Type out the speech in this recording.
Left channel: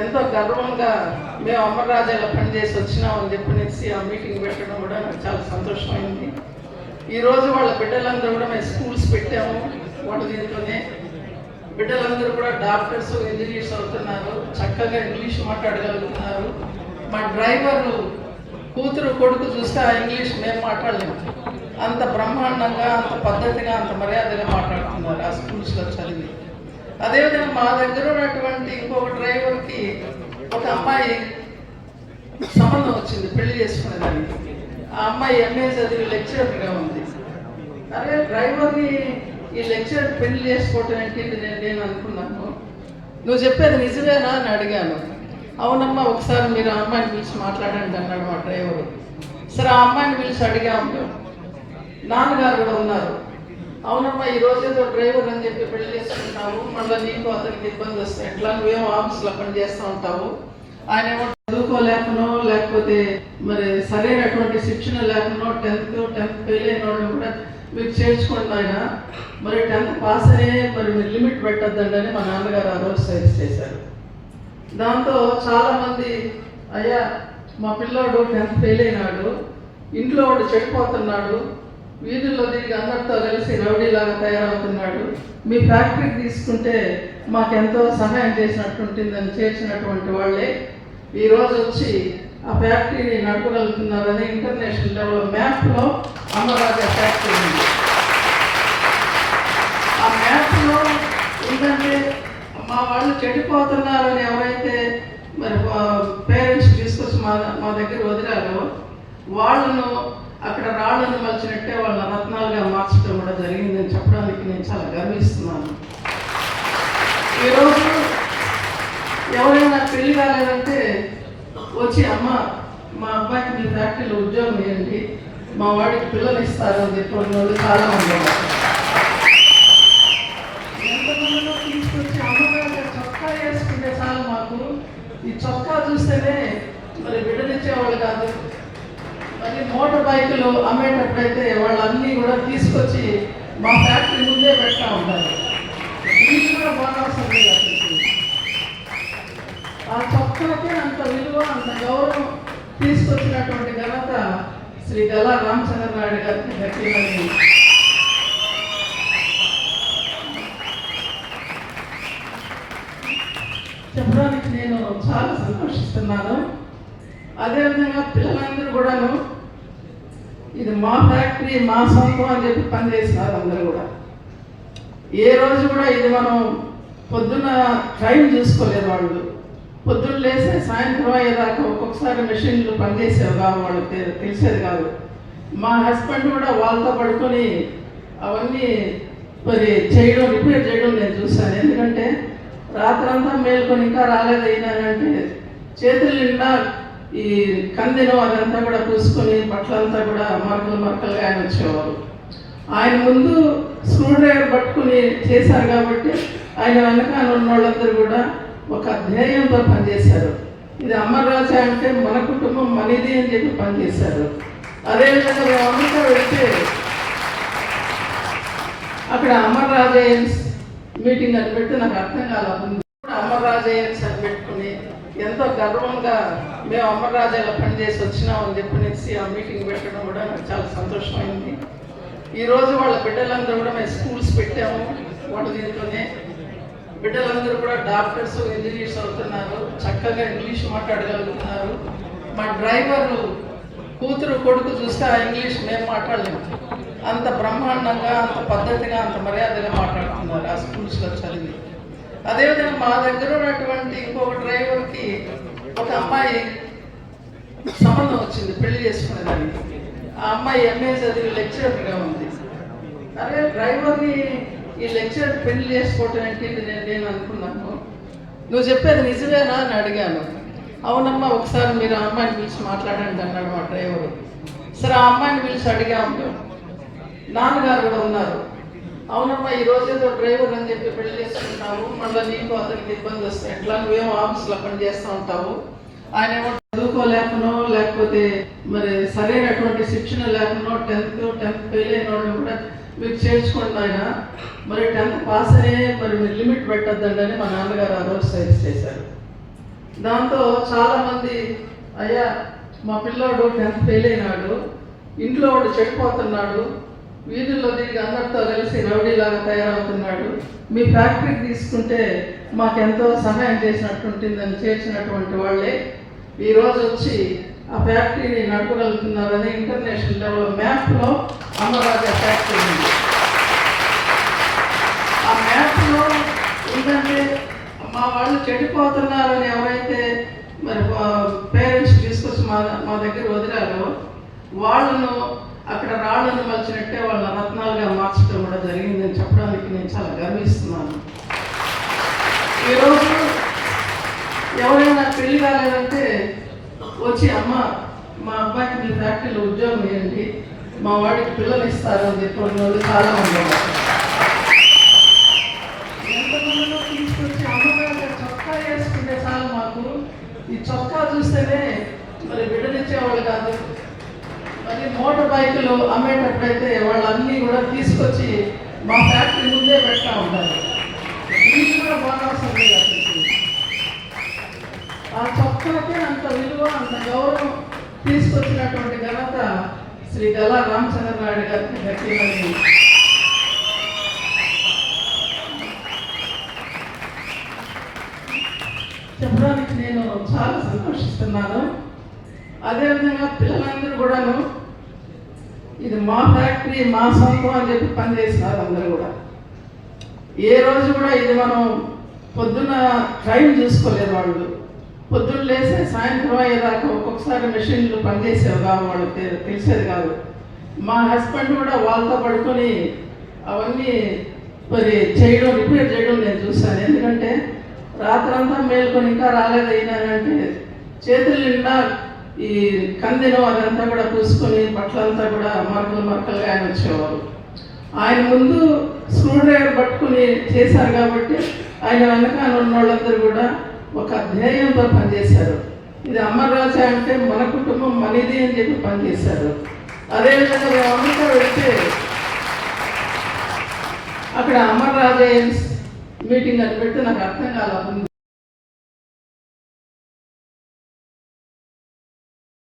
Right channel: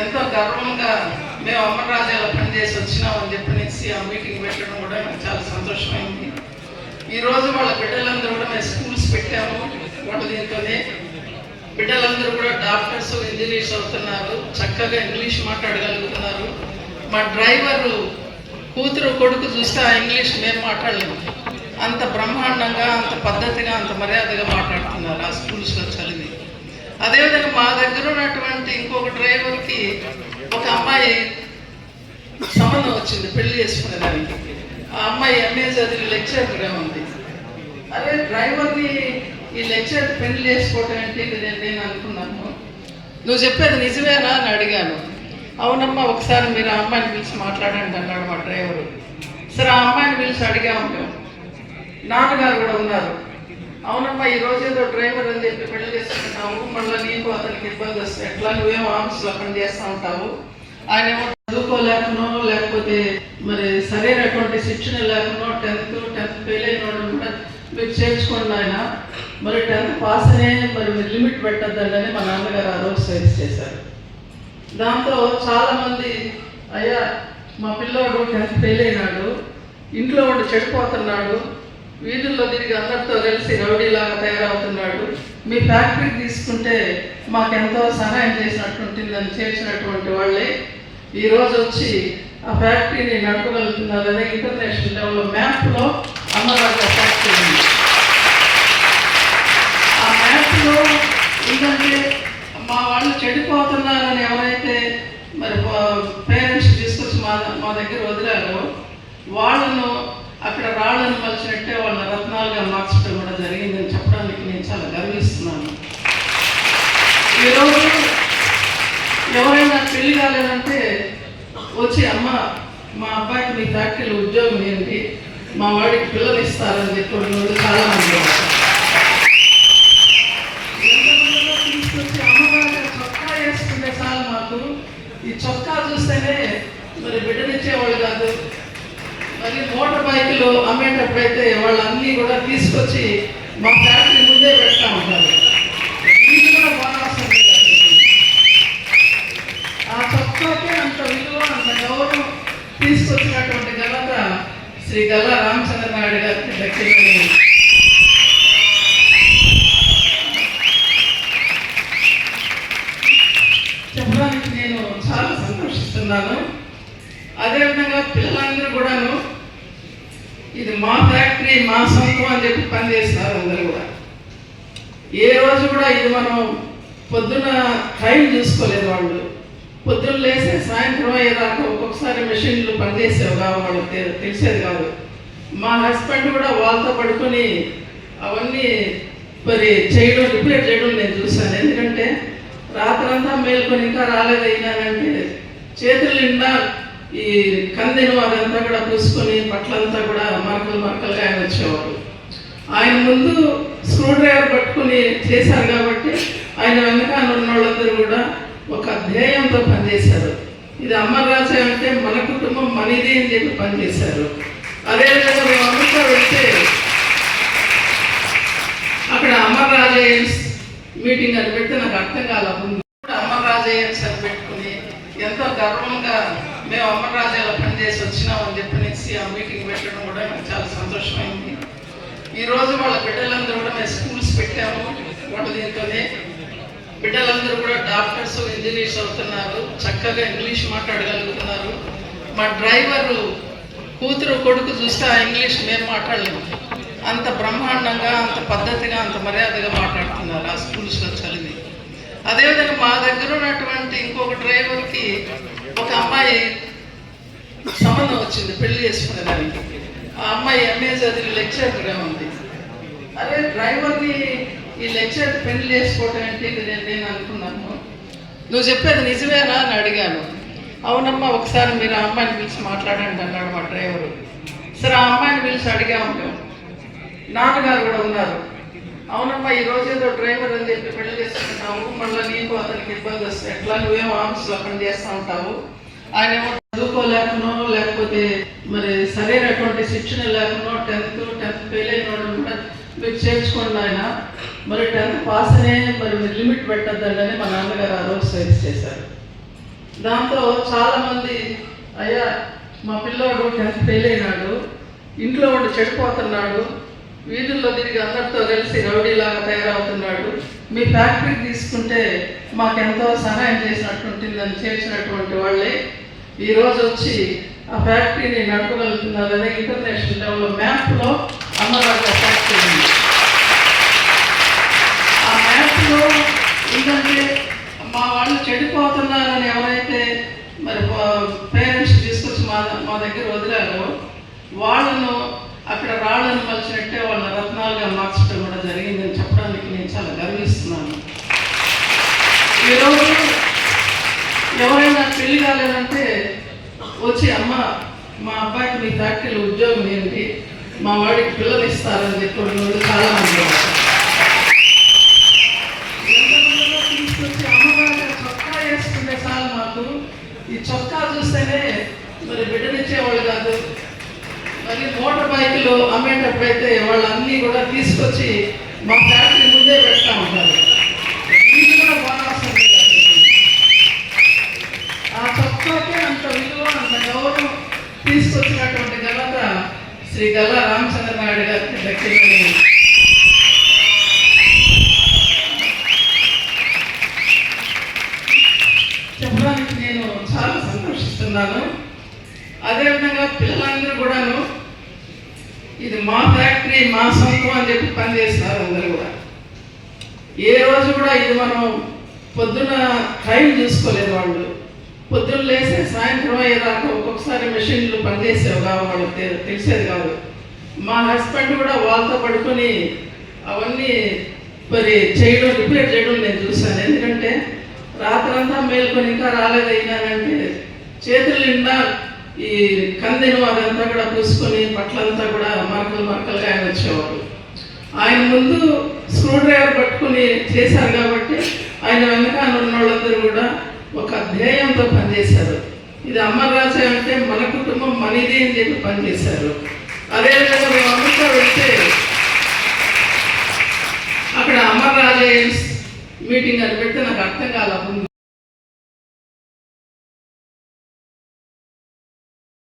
ఎంతో గర్వంగా మేము అమరరాజాలో పనిచేసి వచ్చినామని చెప్పనేసి ఆ మీటింగ్ పెట్టడం కూడా నాకు చాలా సంతోషమైంది. ఈరోజు వాళ్ళ బిడ్డలందరూ కూడా మేము స్కూల్స్ పెట్టాము వాళ్ళ దీంతోనే. బిడ్డలందరూ కూడా డాక్టర్స్ ఇంజనీర్స్ అవుతున్నారు చక్కగా ఇంగ్లీష్ మాట్లాడగలుగుతున్నారు. మా డ్రైవరు కూతురు కొడుకు చూస్తే ఆ ఇంగ్లీష్ మేము మాట్లాడలేము అంత బ్రహ్మాండంగా అంత పద్ధతిగా అంత మర్యాదగా మాట్లాడుతున్నారు ఆ స్కూల్స్లో చదివి. అదేవిధంగా మా దగ్గర ఉన్నటువంటి ఇంకొక డ్రైవర్కి ఒక అమ్మాయి సంబంధం వచ్చింది పెళ్ళి చేసుకునే దానికి. ఆ అమ్మాయి ఎంఏ చదివి లెక్చరర్గా ఉంది. అదే డ్రైవర్ని ఈ లెక్చర్ పెళ్ళి చేసుకోవటం ఏంటి నేను నేను అనుకున్నాను. నువ్వు చెప్పేది నిజమేనా అని అడిగాను. అవునమ్మా ఒకసారి మీరు ఆ అమ్మాయిని పిలిచి మాట్లాడండి అన్నాడు మా డ్రైవరు. సరే ఆ అమ్మాయిని పిలిచి అడిగాము మేము. నాన్నగారు కూడా ఉన్నారు. అవునమ్మా ఈ రోజు ఏదో డ్రైవర్ అని చెప్పి పెళ్ళి చేసుకుంటావు మళ్ళీ నీకు అతనికి ఇబ్బంది వస్తాయి ఎట్లా? నువ్వేమో ఆఫీస్లో పని చేస్తూ ఉంటావు. ఆయన ఏమో చదువుకోలేకనో లేకపోతే మరి సరైనటువంటి శిక్షణ లేకనో టెన్త్ టెన్త్ ఫెయిల్ అయిన వాళ్ళు కూడా మీరు చేర్చుకోండి ఆయన మరి టెన్త్ పాస్ అనే మరి మీరు లిమిట్ పెట్టద్దండి అని మా నాన్నగారు ఆ రోజు సజెస్ట్ చేశారు. దాంతో చాలా మంది అయ్యా మా పిల్లోడు టెన్త్ ఫెయిల్ అయినాడు. ఇంట్లో ఉండి చెడిపోతున్నాడు. వీధుల్లో తిరిగి అందరితో కలిసి రౌడీలాగా తయారవుతున్నాడు. మీ ఫ్యాక్టరీకి తీసుకుంటే మాకెంతో సహాయం చేసినట్టుంటుందని చేర్చినటువంటి వాళ్ళే. ఈరోజు వచ్చి ఆ ఫ్యాక్టరీని నడపగలుగుతున్నారని ఇంటర్నేషనల్ లెవెల్ మ్యాప్లో అమరాజా ఫ్యాక్టరీ ఉంది. ఆ మ్యాప్లో ఏంటంటే మా వాళ్ళు చెడిపోతున్నారని ఎవరైతే మరి పేరెంట్స్ తీసుకొచ్చి మా మా దగ్గర వదిలారో వాళ్ళను రాళ్ళను వాళ్ళ రత్నాలుగా మార్చడం కూడా జరిగిందని చెప్పడానికి నేను చాలా గర్విస్తున్నాను. ఈరోజు ఎవరైనా పెళ్ళి కాలేదంటే వచ్చి అమ్మ మా అబ్బాయికి మీ ఫ్యాక్టరీలో ఉద్యోగం ఏంటి? మా వాడికి పిల్లలు ఇస్తారని చెప్పి వాళ్ళు చాలా మంది తీసుకొచ్చి అమ్మగారు చొక్కా వేసుకుంటే చాలా మాకు. ఈ చొక్కా చూస్తేనే మరి బిడ్డనిచ్చేవాళ్ళు కాదు. మరి మోటార్ బైకులు అమ్మేటప్పుడైతే వాళ్ళన్నీ కూడా తీసుకొచ్చి మా ఫ్యాక్టరీ ముందే పెడతా ఉంటారు. ఇది కూడా బాగా వస్తుంది ఆ చొక్కాకి అంత విలువ అంత గౌరవం తీసుకొచ్చినటువంటి ఘనత శ్రీ గల్లా రామచంద్ర నాయుడు గారికి దక్కిందని చెప్పడానికి నేను చాలా సంతోషిస్తున్నాను. అదేవిధంగా పిల్లలందరూ ఇది మా ఫ్యాక్టరీ మా సొంతం అని చెప్పి పనిచేస్తున్నారు అందరూ కూడా. ఏ రోజు కూడా ఇది మనం పొద్దున టైం చూసుకోలేదు వాళ్ళు. పొద్దున్న లేసే సాయంత్రం అయ్యేదాకా ఒక్కొక్కసారి మెషిన్లు పనిచేసేవి కావు వాళ్ళకి తెలిసేది కాదు. మా హస్బెండ్ కూడా వాళ్ళతో పడుకొని అవన్నీ మరి చేయడం రిపేర్ చేయడం నేను చూశాను. ఎందుకంటే రాత్రంతా మేల్కొని ఇంకా రాలేదు అయినానంటే చేతులు నిండా ఈ కందెను అదంతా కూడా పూసుకొని బట్టలంతా కూడా మరకలు మరకలుగా ఆయన వచ్చేవారు. ఆయన ముందు స్క్రూ డ్రైవర్ పట్టుకుని చేశారు కాబట్టి ఆయన వెనకాల ఉన్న వాళ్ళందరూ కూడా ఒక ధ్యేయంతో పనిచేశారు. ఇది అమర్రాజా అంటే మన కుటుంబం మనది అని చెప్పి పనిచేశారు. అదేవిధంగా అమెరికా వెళ్తే అక్కడ అమర్ రాజేయన్స్ మీటింగ్ అని పెడితే నాకు అర్థం కాల ముందు అమర్ రాజేయన్స్ అని పెట్టుకుని ఎంతో గర్వంగా మేము అమరరాజాలో పనిచేసి వచ్చినామని చెప్పనేసి ఆ మీటింగ్ పెట్టడం కూడా నాకు చాలా సంతోషమైంది. ఈ రోజు వాళ్ళ బిడ్డలందరూ కూడా మేము స్కూల్స్ పెట్టాము వాళ్ళ దీంతోనే. బిడ్డలందరూ కూడా డాక్టర్స్ ఇంజనీర్స్ అవుతున్నారు చక్కగా ఇంగ్లీష్ మాట్లాడగలుగుతున్నారు. మా డ్రైవరు కూతురు కొడుకు చూస్తే ఆ ఇంగ్లీష్ మేము మాట్లాడలేము అంత బ్రహ్మాండంగా అంత పద్ధతిగా అంత మర్యాదగా మాట్లాడుతున్నారు ఆ స్కూల్స్లో చదివి. అదేవిధంగా మా దగ్గర ఉన్నటువంటి ఇంకొక డ్రైవర్కి ఒక అమ్మాయి సంబంధం వచ్చింది పెళ్ళి చేసుకునే దానికి ఆ అమ్మాయి ఎంఏ చదివి లెక్చరర్గా ఉంది. అరే డ్రైవర్ని ఈ లెక్చర్ పెళ్ళి చేసుకోవటం ఏంటి నేను నేను అనుకున్నాను నువ్వు చెప్పేది నిజమేనా అని అడిగాను. అవునమ్మా ఒకసారి మీరు ఆ అమ్మాయిని పిలిచి మాట్లాడండి అన్నాడు మా డ్రైవరు. సరే ఆ అమ్మాయిని పిలిచి అడిగాము నాన్నగారు కూడా ఉన్నారు. అవునమ్మా ఈ రోజు ఏదో డ్రైవర్ అని చెప్పి పెళ్ళి చేసుకుంటావు మళ్ళీ నీకు అతనికి ఇబ్బంది వస్తుంది ఎట్లా? నువ్వేమో ఆఫీస్లో పని చేస్తూ ఉంటావు? ఆయన ఏమో చదువుకోలేకనో లేకపోతే మరి సరైనటువంటి శిక్షణ లేకనో టెన్త్ టెన్త్ ఫెయిల్ అయిన వాళ్ళు కూడా మీరు చేర్చుకోండి ఆయన. మరి టెన్త్ పాస్ అనే మరి మీరు లిమిట్ పెట్టద్దండి అని మా నాన్నగారు ఆ రోజు సజెస్ట్ చేశారు. దాంతో చాలామంది అయ్యా మా పిల్లోడు టెన్త్ ఫెయిల్ అయినాడు ఇంట్లో ఉండి చెడిపోతున్నాడు వీధుల్లో తిరిగి అందరితో కలిసి రౌడీలాగా తయారవుతున్నాడు. మీ ఫ్యాక్టరీకి తీసుకుంటే మాకెంతో సహాయం చేసినట్టుంటుందని చేర్చినటువంటి వాళ్ళే. ఈరోజు వచ్చి ఆ ఫ్యాక్టరీని నడపగలుగుతున్నారని ఇంటర్నేషనల్ లెవెల్ మ్యాప్లో అమరాజా ఫ్యాక్టరీ ఉంది. ఆ మ్యాప్లో ఏంటంటే మా వాళ్ళు చెడిపోతున్నారని ఎవరైతే మరి పేరెంట్స్ తీసుకొచ్చి మా మా దగ్గర వదిలారో వాళ్ళను రాళ్ళను మలిచినట్టే వాళ్ళ రత్నాలుగా మార్చడం కూడా జరిగిందని చెప్పడానికి నేను చాలా గర్విస్తున్నాను. ఈరోజు ఎవరైనా పెళ్ళి కాలేదంటే వచ్చి అమ్మ మా అబ్బాయికి మీ ఫ్యాక్టరీలో ఉద్యోగం ఏంటి? మా వాడికి పిల్లలు ఇస్తారని చెప్పిన చాలా మంది ఉన్నారు. ఎంతమందిలో తీసుకొచ్చి అమ్మగారు చొక్కా వేసుకుంటే చాలు మాకు ఈ చొక్కా చూస్తేనే మరి బిడ్డనిచ్చేవాళ్ళు కాదు మరి మోటార్ బైకులు అమ్మేటప్పుడైతే వాళ్ళన్నీ కూడా తీసుకొచ్చి మా ఫ్యాక్టరీ ముందే పెడతా ఉంటారు. ఇది కూడా బాగా ఆ చొక్కాకి అంత విలువ అంత గౌరవం తీసుకొచ్చినటువంటి ఘనత శ్రీ గల్లా రామచంద్ర నాయుడు గారికి దక్కిందని చెప్పడానికి నేను చాలా సంతోషిస్తున్నాను అదేవిధంగా పిల్లలందరూ కూడాను ఇది మా ఫ్యాక్టరీ మా సొంతం అని చెప్పి పనిచేస్తున్నారు అందరూ కూడా. ఏ రోజు కూడా ఇది మనం పొద్దున టైం చూసుకోలేదు వాళ్ళు. పొద్దున్న లేసే సాయంత్రం అయ్యేదాకా ఒక్కొక్కసారి మెషిన్లు పనిచేసేవి కావు వాళ్ళకి తెలిసేది కాదు. మా హస్బెండ్ కూడా వాళ్ళతో పడుకొని అవన్నీ మరి చేయడం రిపేర్ చేయడం నేను చూశాను. ఎందుకంటే రాత్రంతా మేల్కొని ఇంకా రాలేదైనారంటే చేతులు నిండా ఈ కందిను అదంతా కూడా పూసుకొని బట్టలంతా కూడా మరకలు మరకలుగా ఆయన వచ్చేవారు. ఆయన ముందు స్క్రూ డ్రైవర్ పట్టుకుని చేశారు కాబట్టి ఆయన వెనకాల ఉన్న వాళ్ళందరూ కూడా ఒక ధ్యేయంతో పనిచేశారు. ఇది అమర్రాజా అంటే మన కుటుంబం మనది అని చెప్పి పనిచేశారు. అదేవిధంగా మేము అమెరికా వెళ్తే అక్కడ అమర్ రాజా మీటింగ్ అని పెడితే నాకు అర్థం కాల ముందు